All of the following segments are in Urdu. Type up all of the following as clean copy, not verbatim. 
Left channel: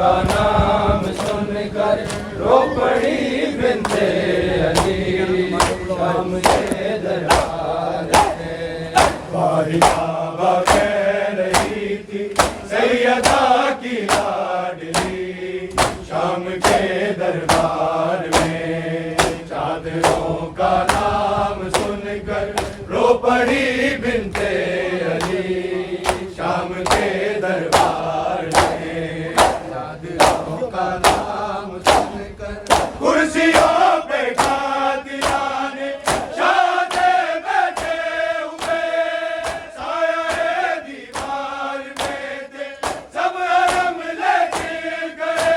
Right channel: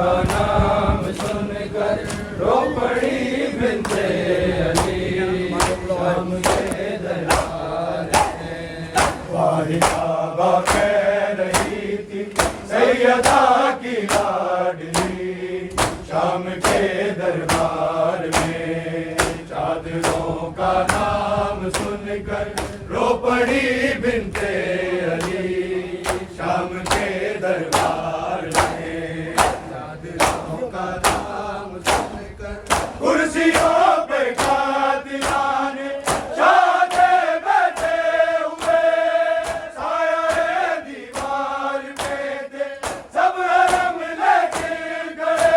کا نام سن کر رو پڑی بنتے علی شام کے دربار میں واحدہ کہہ رہی تھی سیدہ کی لاڈلی شام کے دربار میں چادروں کا نام سن کر رو پڑی بنتے علی شام کے دربار میں چادروں کا نام سن کر کرسیوں پہ قاتلان شاد بیٹھے ہوئے سایہ دیوار میں تھے سب حرم لے چل گئے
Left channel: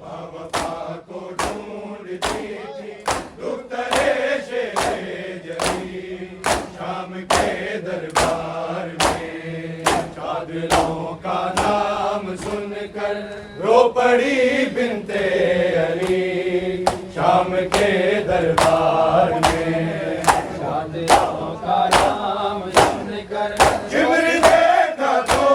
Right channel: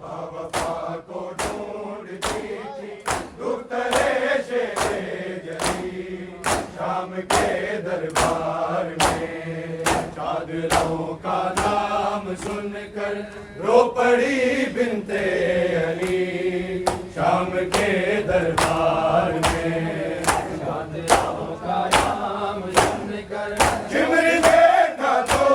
باوفا کو ڈھونڈتی تھی دخترے شیر جلی شام کے دربار میں چادروں کا نام سن کر رو پڑی بنتے علی شام کے دربار میں چادروں کا نام سن کر جمر دیکھا تو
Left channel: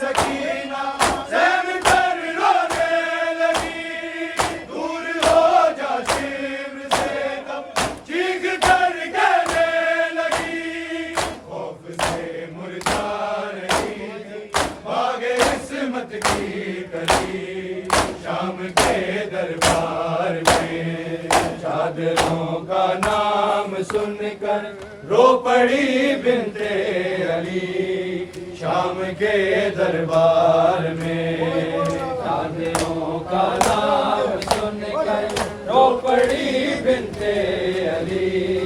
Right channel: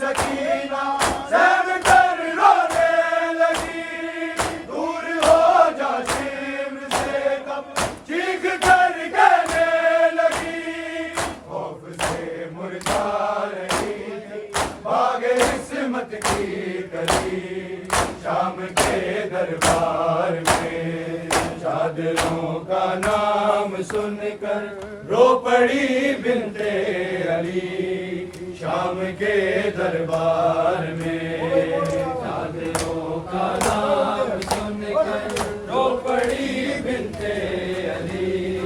سکینہ سہم کر رونے لگی دور ہو جا سمر سے کب چیخ کر کہنے لگی خوف سے مردہ رہی تھی باغ عصمت کی کلی شام کے دربار میں چادروں کا نام سن کر رو پڑی بنتے علی شام کے دربار میں چادروں کا نام سن کر رو پڑی بنتے علی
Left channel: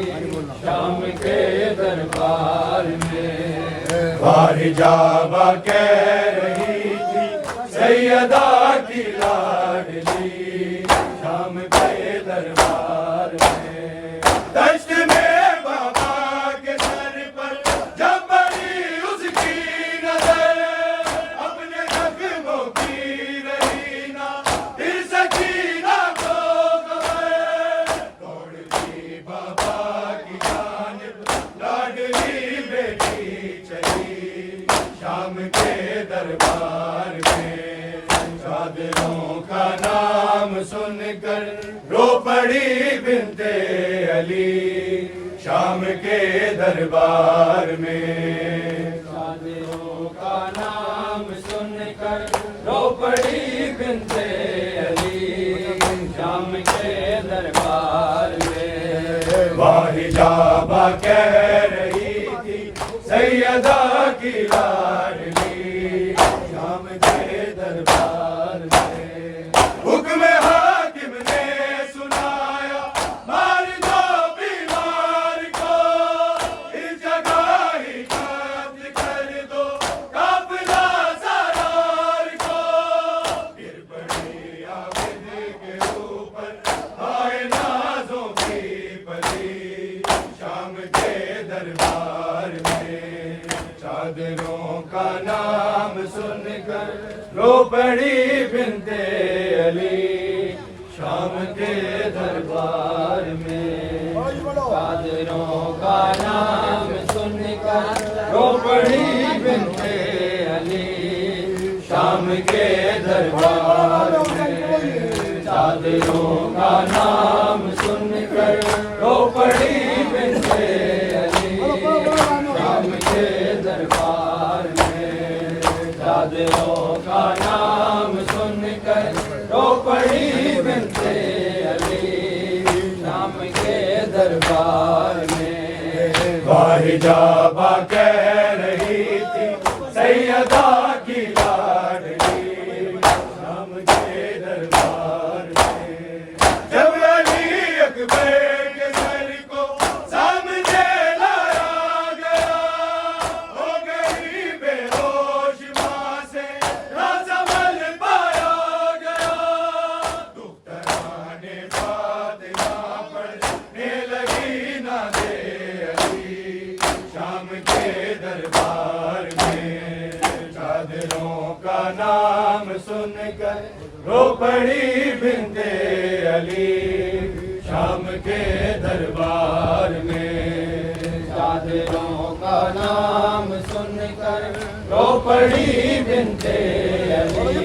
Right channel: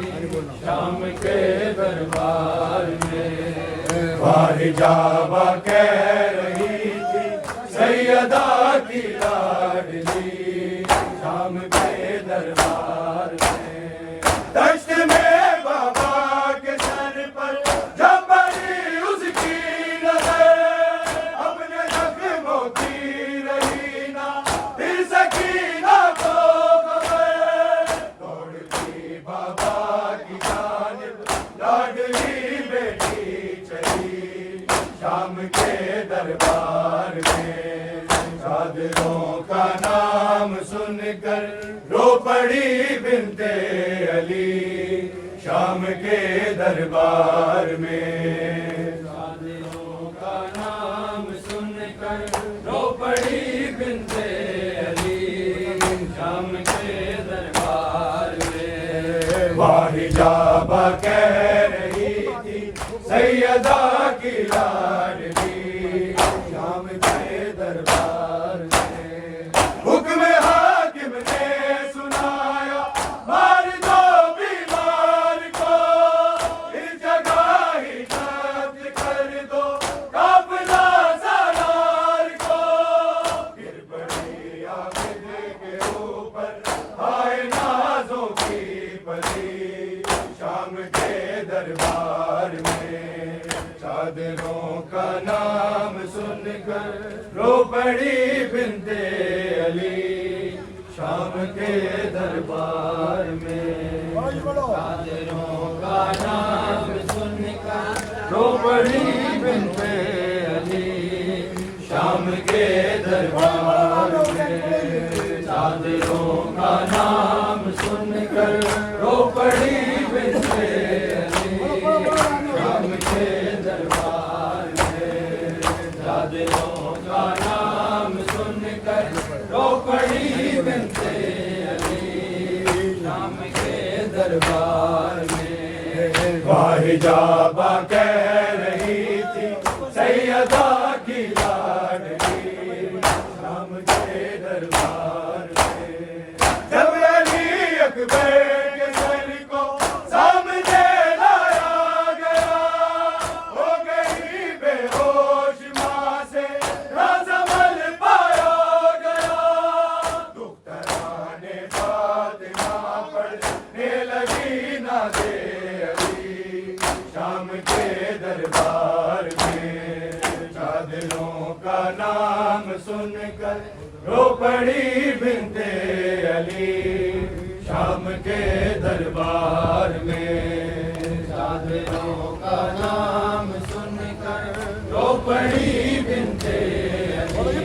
شام کے دربار میں حجابہ کہہ رہی تھی سیدہ کی لاڈلی شام کے دربار میں دشت میں بابا کے سر پر جب پڑی اس کی نظر اپنے زخموں کی رہی نہ پھر سکینہ کو خبر دوڑتی بابا کی جانب لاڈلی بیٹی چلی شام کے دربار میں چادروں کا نام سن کر رو پڑی بنتے علی شام کے دربار میں چادروں کا نام سن کر رو پڑی بنتے علی شام کے دربار میں واحجابہ کہہ رہی تھی سیدہ کی لاڈلی شام کے دربار میں حکم حاکم نے سنایا مار دو بیمار کو اس جگہ ہی قتل کر دو قافلہ سالار کو پھر بڑی عابد کے اوپر آئے نازوں کی پری شام کے دربار میں چادروں کا نام سن کر رو پڑی بنتے علی شام کے دربار میں چادروں کا نام سن کر رو پڑی بنتے علی شام کے دربار میں چادروں کا نام سن کر رو پڑی بنتے علی شام کے دربار میں چادروں کا نام سن کر رو پڑی بنتے علی شام کے دربار میں واحجابہ کہہ رہی تھی سیدہ کی لاڈلی شام کے دربار میں جب علی اکبر کے سر کو سامنے لایا گیا ہو گئی بے ہوش ماں سے رازمل پایا گیا دختران فاطمہ پڑھنے لگی نازے علی شام کے دربار میں چادروں کا نام سن کر رو پڑی بنتے علی شام کے دربار میں چادروں کا نام سن کر رو پڑی بنتے علی